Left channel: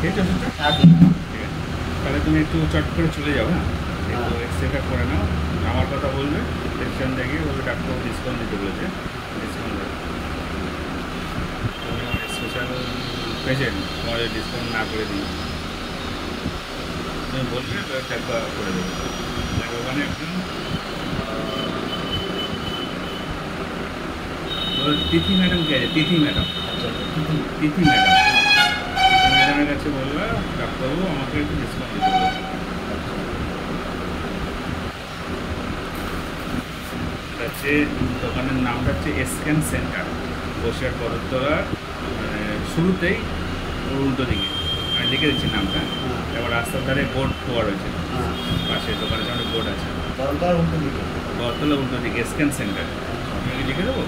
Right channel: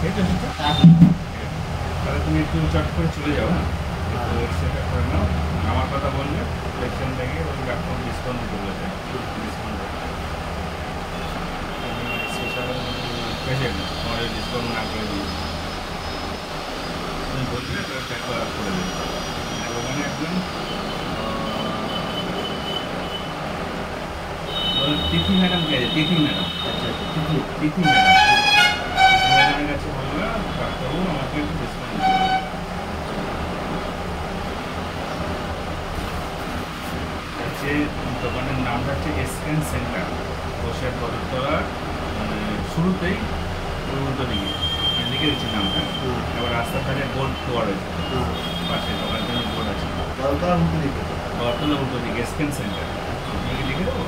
খেয়েছো ওষুধটা? এখন ঠিক আছে, তাহলে তুমি একটু চট করে চলে যাও। হ্যাঁ, একটু এক্সরেটা করে নাও, আমার কথা বলবে, পেশেন্ট দেখে বলবে ডাক্তারবাবু ডিসকাউন্ট দিতে বলেছে, ডিসকাউন্ট দেবে। তুমি আমার স্পেশাল পেশেন্ট, তোমার ডিসকাউন্ট না করে দিই, তুমি বলবে একবার করে দেবে। ওখানে একজন তিথি ম্যাডাম কে আছে? তিথি ম্যাডাম, আচ্ছা আচ্ছা তিথি ম্যাডাম, তিথি ম্যাডামের কাছে বলবে ডাক্তারবাবু আমাকে একটু ডিসকাউন্ট দিতে বলবে। হচ্ছে দোকানের নামটা হচ্ছে স্ক্যান সেন্টার, বসিরহাট বদরতলার মানে শুরুতেই ওর উল্টো দিকে, আমি লিখে দিচ্ছি নামটা। এবার রাস্তার ধারে বোর্ড দেওয়া রয়েছে, পাশে দোকানের সামনে বোর্ড আছে, বদরতলা উল্টো দিকে স্ক্যান সেন্টার। আমি কি লিখে দেবো?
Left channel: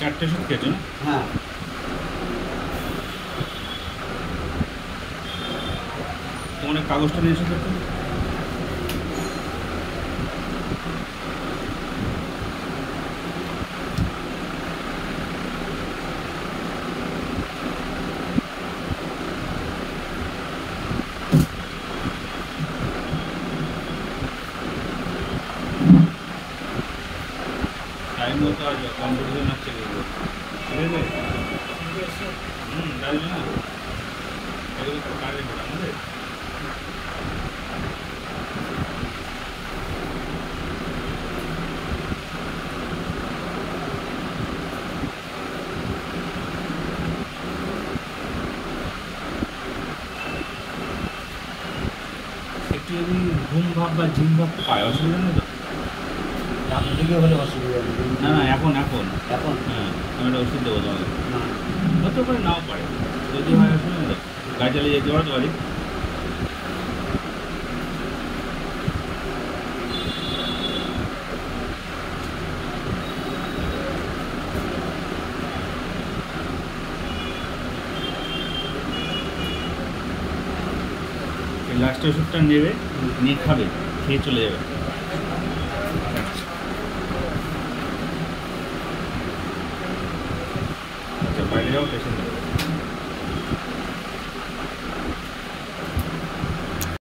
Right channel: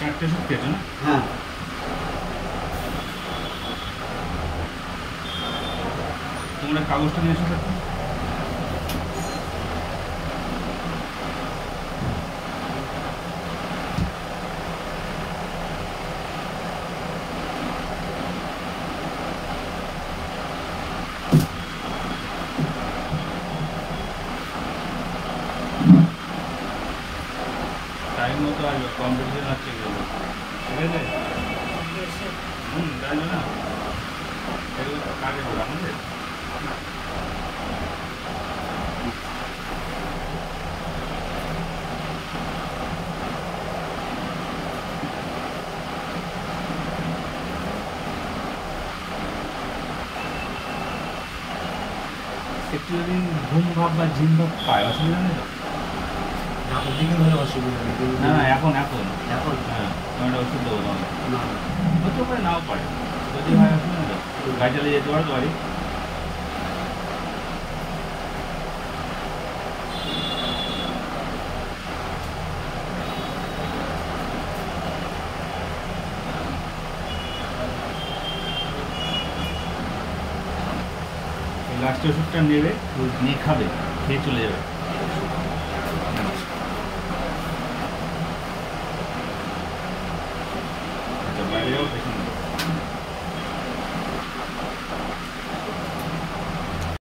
চারটে ওষুধ খেয়েছো না? হ্যাঁ তোমার কাগজটা নিয়ে এসো তো। টাইম মতো আসবে, কম্পিটিশন আছে এগুলো, ঠিক আছে? আসবে না, এগুলো তো কাজে পড়ে আমাদের না। একটু যদি ঘুম ভাব বা ঝিম ভাব পায়, অসুবিধা নেই তো? রাতের দিকে হলে অসুবিধা নেই। না না, এখন এখন এখন হ্যাঁ, আমি একটা ওষুধ দেবো তোমাকে। না হতেও পারে, নাও পারে, যদি হয় অসুবিধা নেই তো। গাড়ি চালিয়ে যেতে পারো তো বাড়ি? লাস্টের ওষুধটা নেবে, নিয়ে খাবে, খেয়ে চলে যাবে। আচ্ছা, বাইরে যাও, পেশেন্ট